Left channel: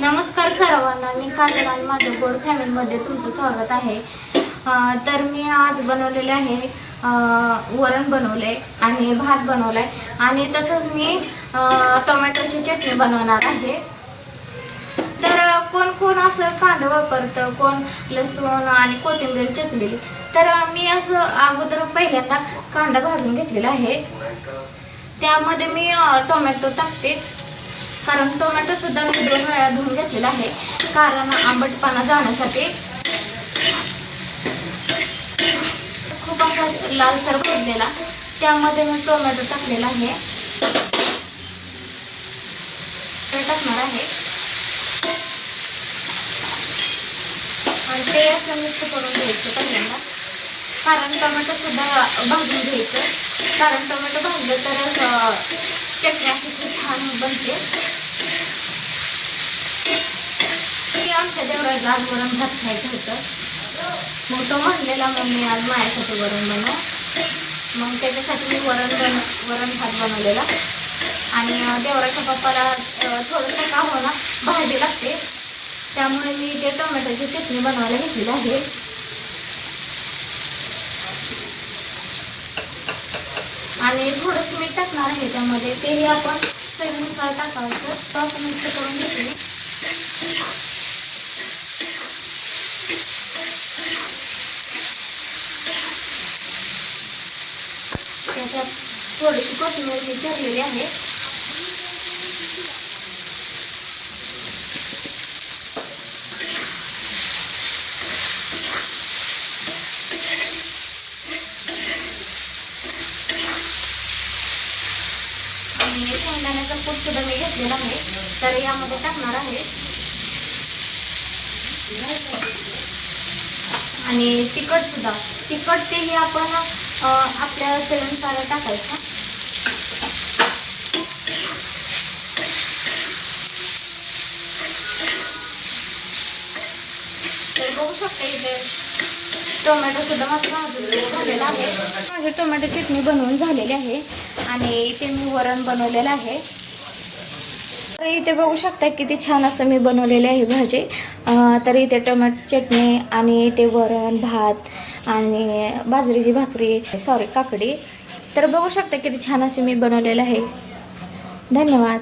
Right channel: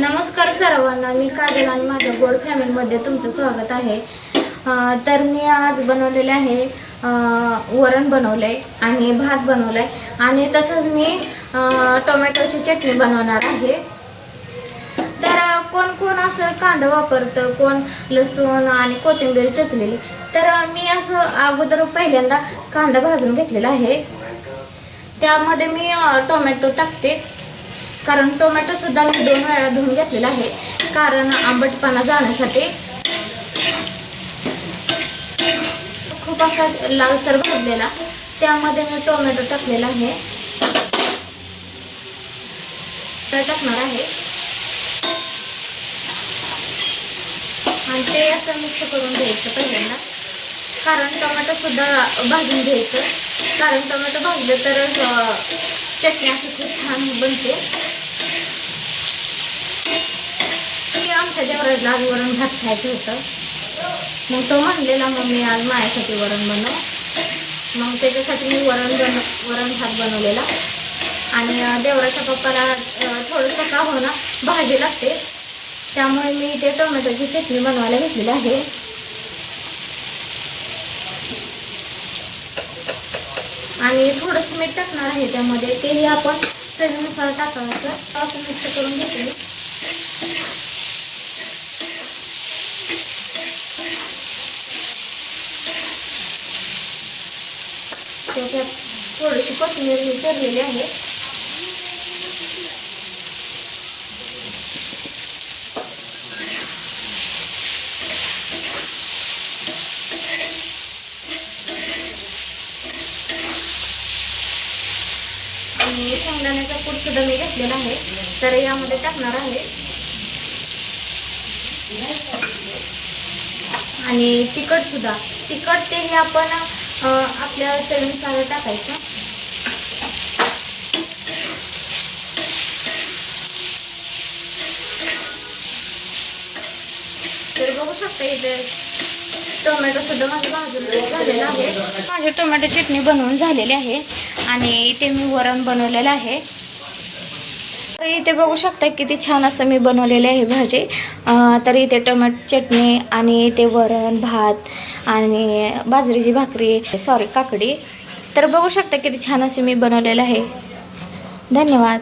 नमस्कार सर्वांना, मी काजल आणि माझ्या गोड फॅमिलीमध्ये तुमचं स्वागत आहे। तर मी आज बनवलेले आहे वरण बनवले आणि भात बनवलाय आणि तसंच मी टोमॅटोची चटणी बनवणार आहे। तर कोण कोण असं कांदा वापरतं, कोण लसूण आणि कोथिंबीर चिचलेली। तर मी असं अगोदर पहिल्यांदा कांदा भाजून घेतलेला आहे, त्यामध्ये मी टोमॅटो टाकते। कारण टोमॅटो सुद्धा मी 2 वेळा धुवून घेतलेला आहे, कारण आंबटपणा जाण्यासाठी। खूप असा लालसर भाजलेला, त्यामध्ये मी टोमॅटो टाकलेला आहे, टाकणार आहे आणि ते असं मिक्स करून घ्यायचं पहिल्यांदा। कारण टोमॅटो सुद्धा भाजून घ्यायचं, कारण टोमॅटो भाजलं तर चटणी अशी खूप छान बनते। आमच्या देवराजला आज वरण भात खायचं होतं, मग तो म्हणलेला मम्मी आज माझ्यासाठी वरण बनव। मग त्याच्यासाठी मी वरण भात बनवलेला आणि देवराच्या पप्पाला थोडंसं का होणं भाजी लागते, त्यामुळे मी ते टोमॅटोची चटणी बनवायला घेतलेली आहे। आणि थोडंसं मीठ टाकणार आहे त्यामध्ये, तेही आपण चवीनुसार टाकायचं। असं मिक्स करून घेतले। त्याच्यात थोडीशी कोथिंबीर चिरलेली आहे। आणि शेंगदाण्याचा कूट सुद्धा मी घेतलेला आहे, तर यामध्ये टाकणार आहे। आणि तिखट तेही आपण आपल्या चवीनुसार टाकायचं। तर बघू शकता इथे टोमॅटो सुद्धा माझं भाजून झालेला आहे। माझी टोमॅटो चटणी बनवून झालेली आहे आणि इथे मी वरण बनवलेलं आहे। तर इथे बघू शकता किती छान असं मी बनवलेले आहे भाजी। तर इथे टोमॅटो चटणी आणि इथे वरण भात आणि बाजरीची भाकरी काकडी। तर बघू शकता किती छान असे मी बनवलेलं आहे। धन्यवाद।